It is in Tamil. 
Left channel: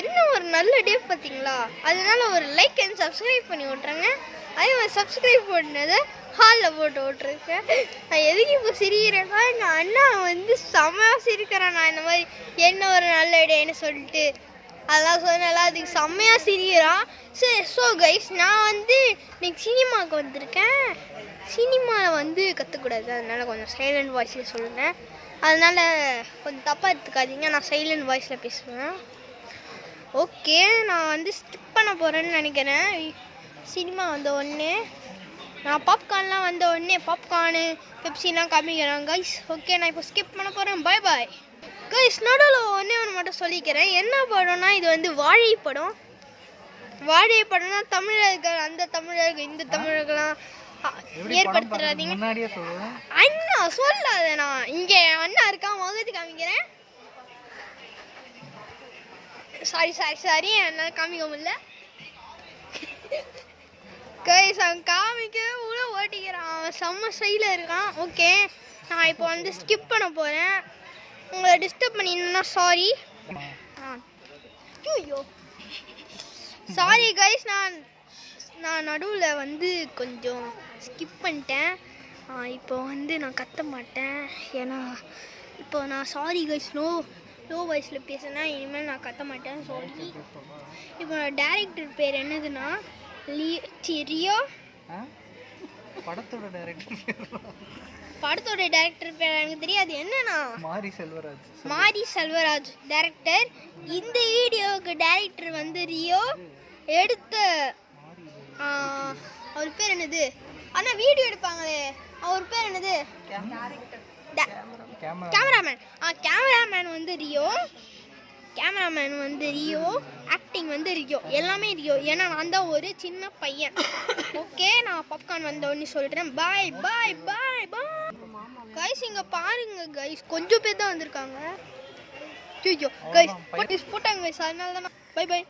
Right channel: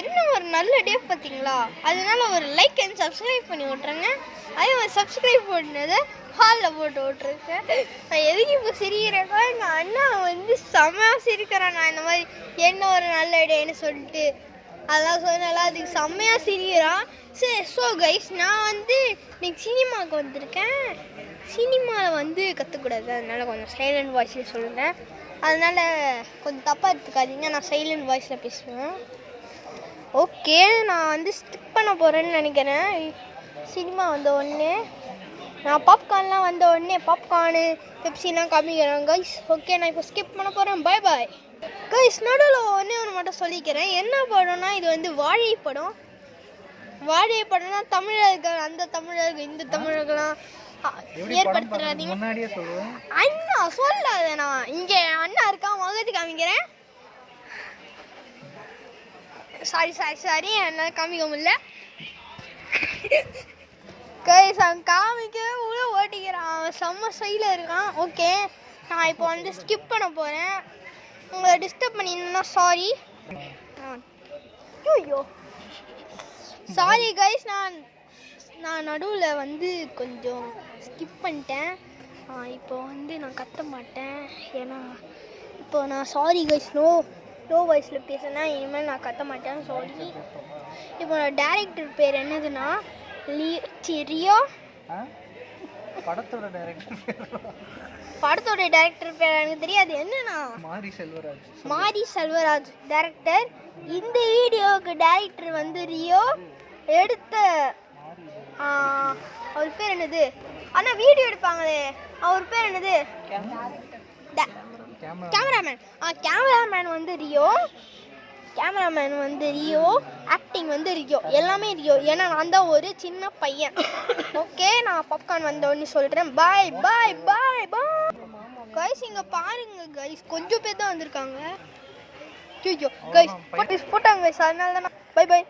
என்ன ஒரு நல்ல டே பார்த்தீங்களா? அதனால ஒரு லைக் அண்ட் சப்ஸ்கிரைப் பண்ணி விட்றேங்க. அதே மாதிரி சப்ஸ்கிரைப் பண்ணதை ஹாலில் போட்டு விட்ருக்கேன். நான் எதுக்கு இப்போ சிரிக்கிறேன்னா, இந்த அண்ணா வந்து செம்மையாக சிரிக்கிறேன். நான் இந்த மாதிரி என்ன ஒரு நல்ல டேன்னு சொல்லிட்டு அதெல்லாம் சொன்னேன். அதுக்கு செம்மையாக சிரிக்கிறான். சரி, ஸோ கைஸ், நான் வந்து இன்னைக்கு சினிமாவுக்கு வந்திருக்கேன். சினிமாவில் வந்து கற்றுக்கூடாது, அதனால கொஞ்சம் சைலண்ட் வாய்ஸில் சொல்லுங்கள். அதனால் கொஞ்சம் தப்பாக எடுத்துக்காதீங்க, நான் சைலண்ட் வாய்ஸில் பேசுவேன். ஓகே, நான் வந்து ஸ்கிப் பண்ண போகிறேன்னு நினைக்கிறேன். சினிமா வந்த உடனே நான் பாப்கார்ன்லாம் வந்த உடனே பாப்கார்னு பெப்சிலாம் காமிக்கிறேன் கைஸ். ஓகே, நான் இப்போ ஸ்கிப் பண்ண போகிறேன். பாய் பாய் கைஸ். நடுவில் ஒன்று மட்டும் சொல்லிக்கிறேன். என்ன படம்னா, இது வந்து வாழை படம். வாழை படம்னா தமிழர்கள், அந்த தமிழர்கள் இந்த தமிழர்கள்லாம் ஏற்படுத்துறாதீங்க. அண்ணா சொல்லாத, நான் இங்கே அண்ணா இருக்கா, முகத்து காமிக்கிறேன். சாரி என்னால் காமிக்க முடியல கைஸ். அவன் காமிக்க உள்ள ஓட்டிக்கிறான், அவன் செம்ம சைடில் இருக்கான். ஓகே, நான் இப்போ வந்து ஸ்கிப் பண்ண போகிறேன். உங்களை டிஸ்டர்ப் பண்ணியிருந்தேன்னா சாரி. ஐயோ சாரி கைஸ், நான் நடுவில் வந்து கொஞ்சம் ஸ்கிப் பண்ணிட்டேன். இப்போ வந்து நான் கத்த மாட்டேன், ஏன்னா இப்போ நான் சாரி கைஸ், லோ வாய்ஸில் பேசுனா இனிமேல் நான் கத்த மாட்டேன், சாரி. இப்போ டேரக்டர் பேர் என்னதுன்னா ரியோ. படத்தோட டைரக்டர் பேர் எனக்கு தெரியாது, என்னன்னா மாரி செல்வராஜ் டைரக்டர். இந்த வீடியோவுக்கு டைரக்டர் வந்து ரியோ. எடுத்த அவர் பேர் என்னது? ஆனால் வீடியோ எடுப்பாங்களே, அவர் பேர் என்னது? கேமராமேன் வந்து ரியோ. ஆக்டிங் வந்து ரியோ, எல்லாமே ரியோ. ஏன்னா நான் தான் ஒரு சின்ன பையன். ஓகே, நான் பாப்கார்ன் வந்தோன்னு சொல்கிறேன். பாய் பாய் பாய் பாய் கைஸ். இங்கே பாருங்க கைஸ், கொஞ்சம் பேர் தான் வந்திருக்காங்க. ஐயோ கைஸ் போட்டாங்க கைஸ், அதனால தான். பாய் பாய்.